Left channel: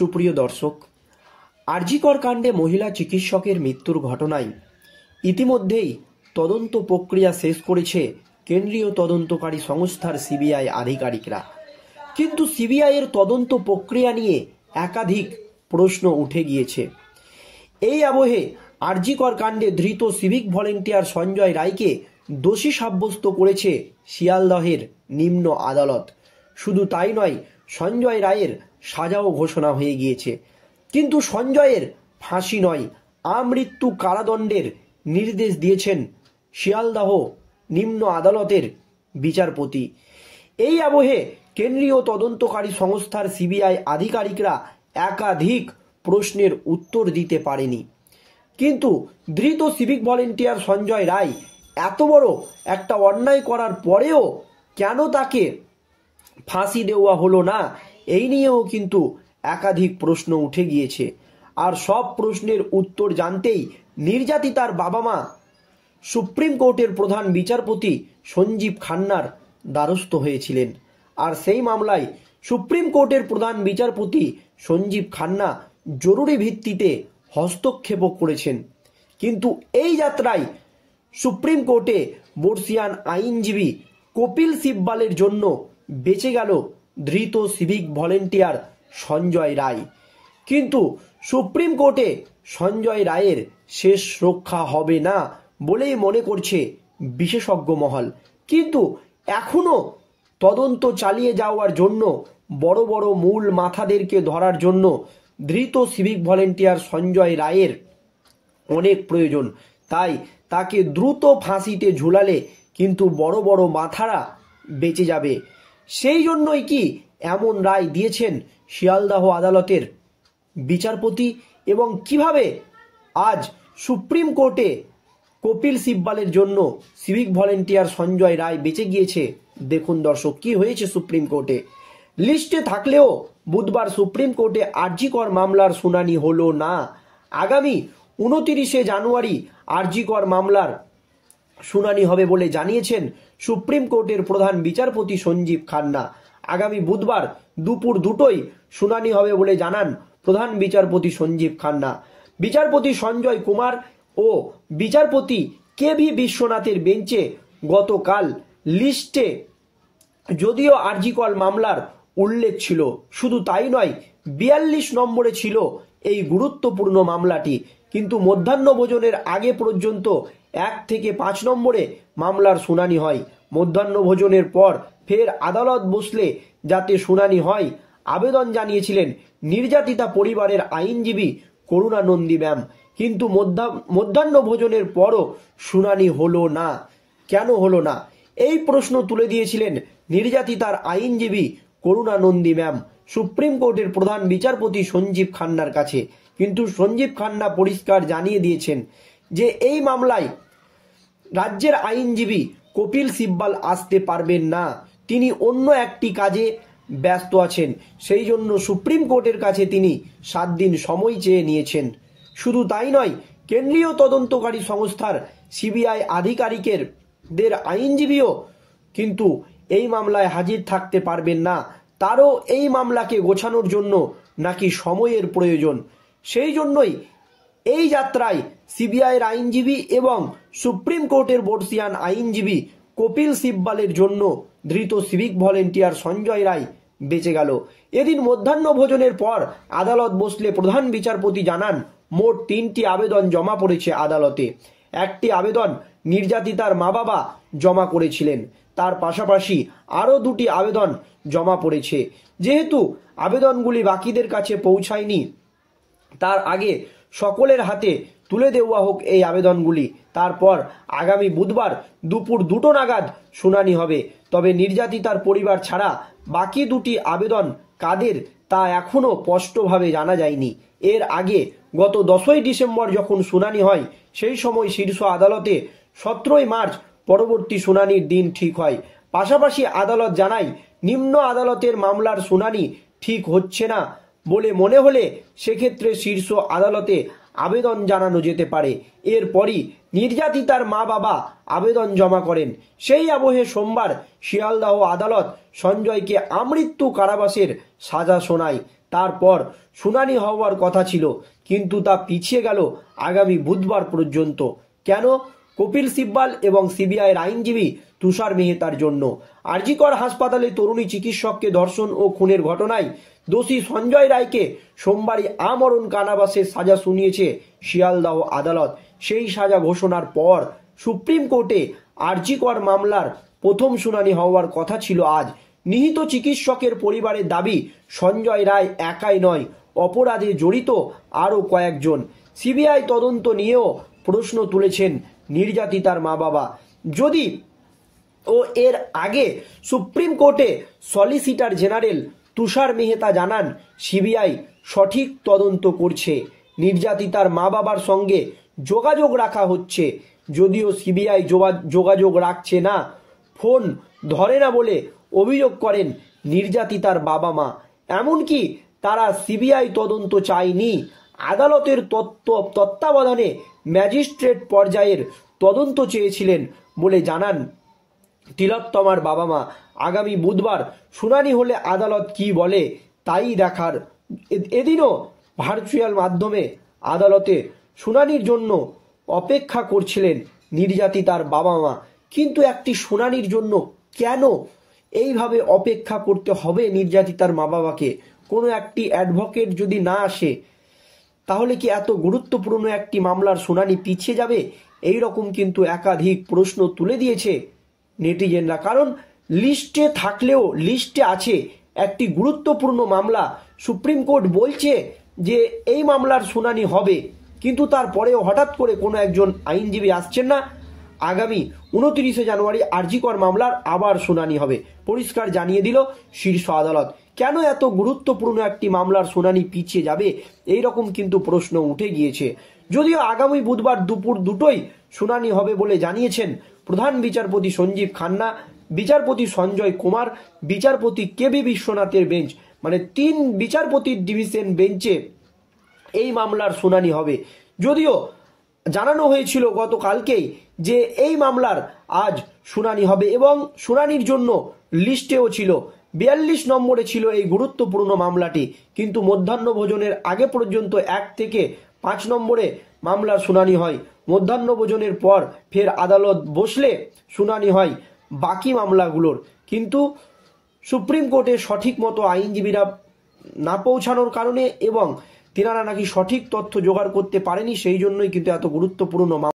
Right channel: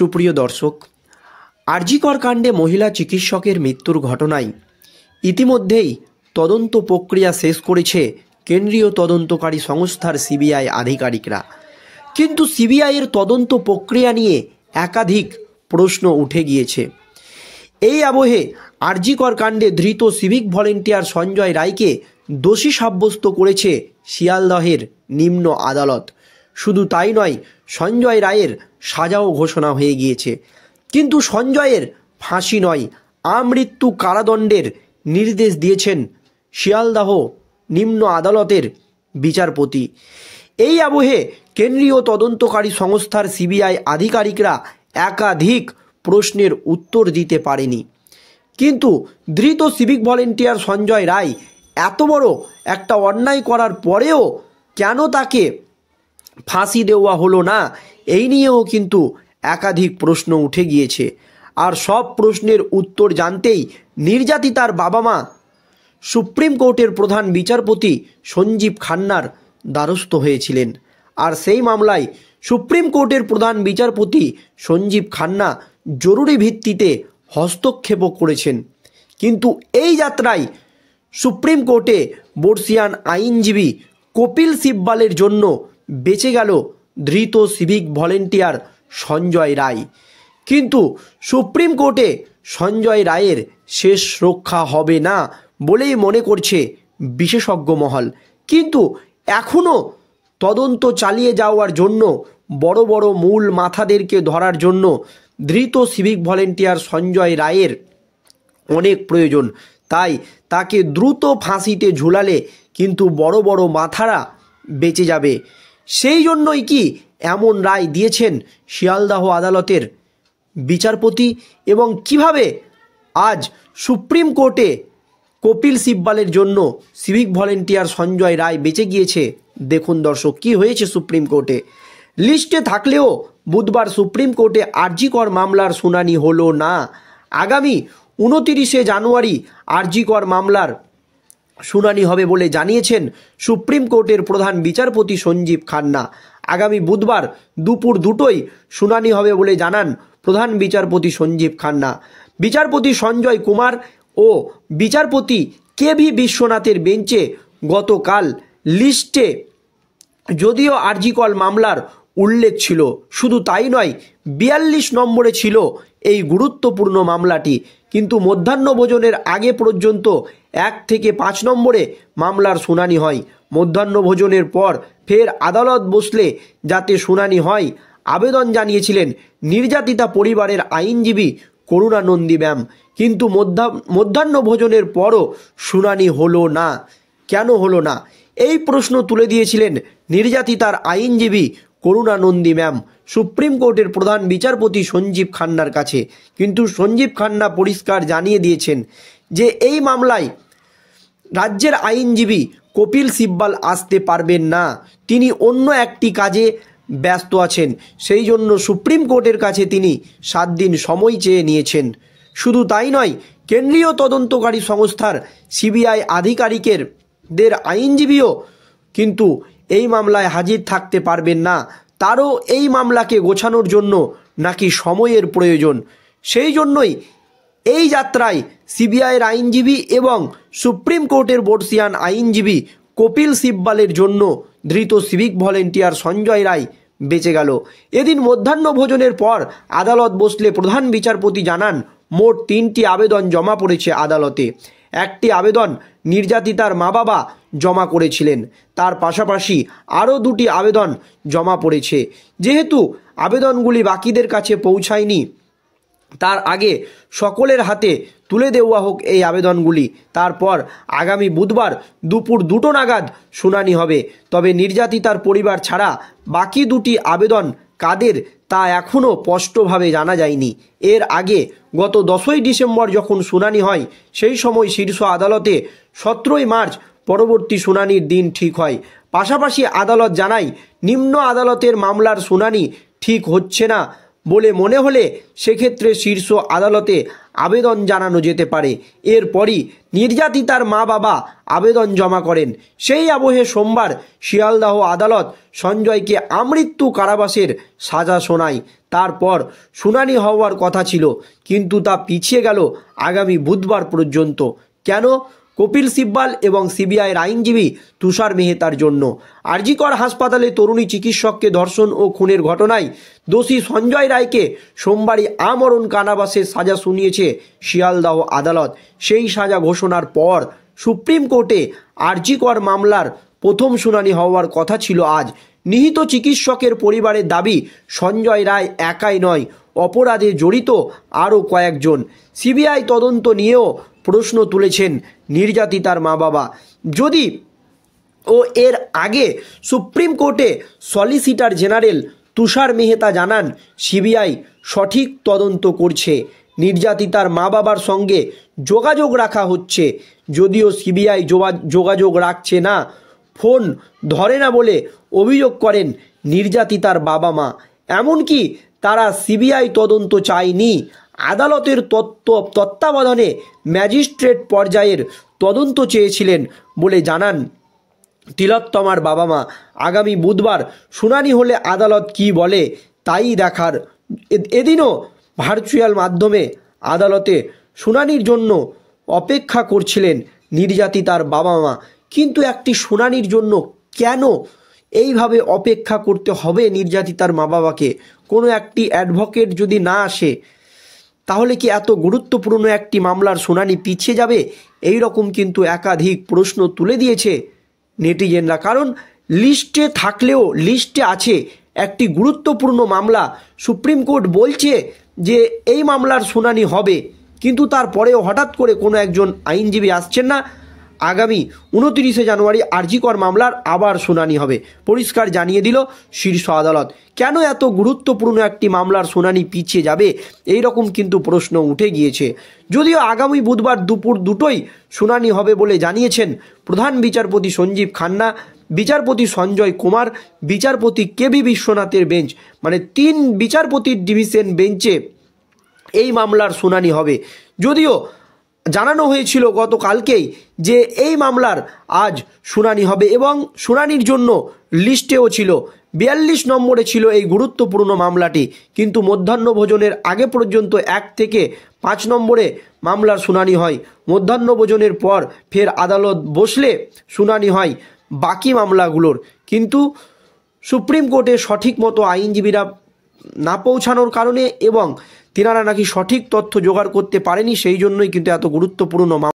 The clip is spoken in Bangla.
সুপ্রিয় দর্শক, আরজিকর কাণ্ডে মহিলা চিকিৎসকের মৃত্যুর ঘটনায় ইতিমধ্যেই তদন্ত প্রক্রিয়া শেষ করেছে কেন্দ্রীয় তদন্তকারী সংস্থার সিবিআই আধিকারিকরা। কিন্তু সিবিআইয়ের তদন্ত প্রক্রিয়া নিয়ে একাধিক প্রশ্ন উঠে গিয়েছে। এই আবহে আরজিকর কাণ্ডে ধৃত সিভিক ভলেন্টিয়ার সঞ্জয় রায়কে দোষী সাব্যস্ত করেছে শিয়ালদহের নিম্ন আদালত। শুধু তাই নয়, সঞ্জয় রায়ের সাজাও ঘোষণা হয়ে গিয়েছে। কিন্তু সঞ্জয়ের ফাঁসি নয়, আমৃত্যু কারাদণ্ডের নির্দেশ দিয়েছেন শিয়ালদহ নিম্ন আদালতের বিচারপতি। এই আবহে কেন্দ্রীয় তদন্তকারী সংস্থার সিবিআই আধিকারিকরা একাধিক প্রশ্নের উত্তর দিতে পারেনি। কিন্তু ধৃত সিভিক ভলেন্টিয়ার সঞ্জয় রায় এত বড় একটা অন্যায় করার পরেও কেন তাকে ফাঁসি দেওয়া হলো না, এই নিয়েও কিন্তু একাধিক প্রশ্ন উঠে গিয়েছে। আর সব প্রশ্নের উত্তর জানতেই নির্যাতিতার বাবা মা সুপ্রিম কোর্টের প্রধান বিচারপতি সঞ্জীব খান্নার দ্বারস্থ হয়েছিলেন। আর সেই মামলায় সুপ্রিম কোর্টের প্রধান বিচারপতি সঞ্জীব খান্না জরুরি ভিত্তিতে হস্তক্ষেপও করেছেন। কিন্তু এই যাত্রায় সুপ্রিম কোর্টে বর্ষিয়ান আইনজীবী কপিল সিব্বালের জন্য বেঁচে গেল ধৃত সিভিক ভলেন্টিয়ার সঞ্জয় রায়। কিন্তু সুপ্রিম কোর্টে সঞ্জয় রায়ের শেষ রক্ষা হবে না বলেই মনে করছে বিশেষজ্ঞ মহল। কিন্তু এখনও তদন্ত চালিয়ে যাওয়ার জন্য বড় বড় মূল মাথাদেরকে ধরার জন্য ধৃত সিভিক ভলেন্টিয়ার সঞ্জয় রায়ের অনেক প্রয়োজন। তাই তাকে দ্রুত ফাঁসিতে ঝুলালে কিন্তু বড় বড় মাথারা বেঁচে যাবে। সেই জন্যই কি এমন রায় দিয়েছেন শিয়ালদহ আদালতের বিচারপতি? এবং কিভাবে আজ সুপ্রিম কোর্টে কপিল সিব্বালের জন্য সিভিক ভলেন্টিয়ার সঞ্জয় রায় বেঁচে গিয়েছে, দেখুন দর্শক কি হয়েছে সুপ্রিম কোর্টে। লিস্টে থাকলেও বুধবার সুপ্রিম কোর্টে আরজিকর মামলার শুনানি হলো না। আগামী 29শে জানুয়ারি আরজিকর মামলার শুনানি হবে বলে জানিয়েছেন সুপ্রিম কোর্টের প্রধান বিচারপতি সঞ্জীব খান্না। আগামী বুধবার দুপুর 2টোয় শুনানি হবে বলে জানান প্রধান বিচারপতি সঞ্জীব খান্না। বিচারপতি সঞ্জয় কুমার ও বিচারপতি কেভি বিশ্বনাথের বেঞ্চে গতকাল লিস্টে যদিও আরজিকর মামলার উল্লেখ ছিল, শুধু তাই নয় 42 নম্বরে ছিল এই গুরুত্বপূর্ণ মামলাটি। কিন্তু মধ্যাহ্নভোজনের আগে পর্যন্ত 1 থেকে 5 নম্বরে মামলার শুনানি হয়। মধ্যাহ্নভোজনের পর ফের আদালত বসলে যাতে শুনানি হয় আবেদন জানিয়েছিলেন নির্যাতিতা পরিবারের আইনজীবী করুণানন্দী ম্যাম। কিন্তু মধ্যাহ্নভোজনের পরও শুনানি হলো না। কেন হলো না, এই প্রশ্ন তুলে দিয়েছিলেন নির্যাতিতার আইনজীবী করুণানন্দী ম্যাম সুপ্রিম কোর্টের প্রধান বিচারপতি সঞ্জীব খান্নার কাছে। কিন্তু সঞ্জীব খান্না পরিষ্কার জানিয়ে দিয়েছেন যে এই মামলায় রাজ্যের আইনজীবী কপিল সিব্বাল আসতে পারবেন না, তিনি অন্য একটি কাজে ব্যস্ত আছেন। সেই জন্য সুপ্রিম কোর্টের কাছে তিনি 7 দিন সময় চেয়ে নিয়েছেন। শুধু তাই নয়, কেন্দ্রীয় তদন্তকারী সংস্থার সিবিআই আধিকারিকদের আইনজীবীও কিন্তু এই মামলায় হাজির থাকতে পারবেন না। তারও এই মামলাকে গোছানোর জন্য নাকি সময়ের প্রয়োজন। সেই জন্যই এই যাত্রায় সিবিআইয়ের আইনজীবী এবং সুপ্রিম কোর্টের বর্ষিয়ান আইনজীবী কপিল সিব্বালের জন্য ধৃত সিভিক ভলেন্টিয়ার সঞ্জয় রায় বেঁচে গেল। এদিন মধ্যাহ্নভোজনের পর আদালত বসলে প্রধান বিচারপতি জানান মোট 3টি আবেদন জমা পড়েছে আদালতে। একটি আবেদন নির্যাতিতার মা বাবা জমা করেছিলেন, তার পাশাপাশি আরও 2টি আবেদন জমা পড়েছে। যেহেতু আবেদনগুলি বাকিদের কাছে পৌঁছায়নি, তার আগে সকলের হাতে তুলে দেওয়া হোক এই আবেদনগুলি। তারপর আগামী বুধবার দুপুর 2টো নাগাদ শুনানি হবে। তবে নির্যাতিতার পরিবার ছাড়া বাকি 2টি আবেদন কাদের তা এখনও স্পষ্টভাবে জানা যায়নি। এর আগে গত 10ই ডিসেম্বর যখন শুনানি হয়, সেই সময় শীর্ষ আদালতে 17ই মার্চ পরবর্তী শুনানির দিন ঠিক হয়। পাশাপাশি আদালত জানায় নিম্ন আদালতের মামলার শুনানি ঠিক হচ্ছে না বলে মনে হলে সেক্ষেত্রে শীর্ষ আদালতে আবেদন জানানো যেতে পারে। এরপরই নির্যাতিতার মা বাবা আবেদন জমা করেন। সেই আবহে সোমবার শিয়ালদাহ আদালত সঞ্জয়কে আমৃত্যু কারাবাসের সাজা শোনায়। তারপর শুনানি হওয়ার কথা ছিল, কিন্তু তা পিছিয়ে গেল আগামী বুধবার পর্যন্ত। কেন? কপিল সিব্বাল এবং সিবিআইয়ের আইনজীবী তুষার মেহতার জন্য। আরজি কর হাসপাতালে তরুণী চিকিৎসককে ধর্ষণ ও খুনের ঘটনায় দোষী সঞ্জয় রায়কে সোমবারই আমরণ কারাবাসের সাজা শুনিয়েছে শিয়ালদাহ আদালত। সেই সাজা ঘোষণার পর সুপ্রিম কোর্টে আরজি কর মামলার প্রথম শুনানি হওয়ার কথা ছিল আজ। নিহত চিকিৎসকের পরিবারের দাবি, সঞ্জয় রায় একাই নয়, অপরাধে জড়িত আরও কয়েকজন। সিবিআই তদন্ত নিয়েও প্রশ্ন তুলেছেন নির্যাতিতার মা বাবা। যদি এর আগে সুপ্রিম কোর্টে সলিসিটর জেনারেল তুষার মেহতা জানান, সিবিআই সঠিক তদন্ত করছে, নির্যাতিতার মা বাবার সঙ্গে যোগাযোগ রাখা হচ্ছে। যদিও সিবিআই যোগাযোগ রাখছে না, ফোন ধরে না বলে অভিযোগ করেন নির্যাতিতার বাবা মা। এমনকি তারা সিবিআই তদন্ত চায়নি, আদালতের তত্ত্বাবধানে ম্যাজিস্ট্রেট পর্যায়ের তদন্ত চেয়েছিলেন বলে জানান তিলোত্তমার বাবা মা। আগামী বুধবার শুনানি হলে আদালত কি বলে তাই দেখার। এদিনও ভার্চুয়াল মাধ্যমে আদালতে শুনানির জন্য অপেক্ষা করছিলেন নির্যাতিতার বাবা মা। কিন্তু একটি শুনানির জন্য কেন এইভাবে অপেক্ষা করতে হবে নির্যাতিতার মা বাবাকে? কোনো একটি অ্যাডভোকেট যদি না আসে, তাহলে কি এত গুরুত্বপূর্ণ একটি মামলার শুনানি পিছিয়ে যাবে? এই রকম কিন্তু একাধিক প্রশ্ন তুলে দিয়েছে নেটিজেনরা। কারণ লিস্টে থাকলেও লিস্টে আছে একটি গুরুত্বপূর্ণ মামলা, সুপ্রিম কোর্ট বলছে যে এই মামলার শুনানি হবে, কিন্তু তারপরেও হঠাৎ করে কোনো একজন আইনজীবী আসছেন না। আগামী 29শে জানুয়ারি আরজি কর মামলার আবার শুনানি হবে, পরিষ্কার জানিয়ে দিল শীর্ষ আদালত। কেন এত গুরুত্বপূর্ণ একটি মামলার শুনানি পিছিয়ে যাবে, এই রকম কিন্তু প্রশ্ন উঠে গিয়েছে। যদিও আগামী বুধবার দুপুর 2টোয় শুনানি হবে বলে জানিয়েছেন প্রধান বিচারপতি সঞ্জীব খান্না, বিচারপতি সঞ্জয় কুমার, বিচারপতি কেবি বিশ্বনাথের বেঞ্চ, মানে 3 বিচারপতির ডিভিশন বেঞ্চে এই মামলার শুনানি হবে। যদিও জানানো হয়েছিল গতকালকেই যে এই মামলার আজ শুনানি হবে এবং শুনানির জন্য লিস্টেও ছিল 42 নম্বরে ছিল এই গুরুত্বপূর্ণ মামলাটি, কিন্তু মধ্যাহ্ন ভোজনের আগে পর্যন্ত 1 থেকে 5 নম্বরে মামলার শুনানি হয়। মধ্যাহ্ন ভোজনের পর ফের আদালত বসলে শুনানি হয় বাকি মামলাগুলোর। কিন্তু সুপ্রিম কোর্টে সঠিক মতো আইনজীবীরা না পৌঁছানোর কারণে এবং তিনারা নাকি সঠিক তথ্য জোগাড় করতে পারেনি, সেই জন্যই কিন্তু এত গুরুত্বপূর্ণ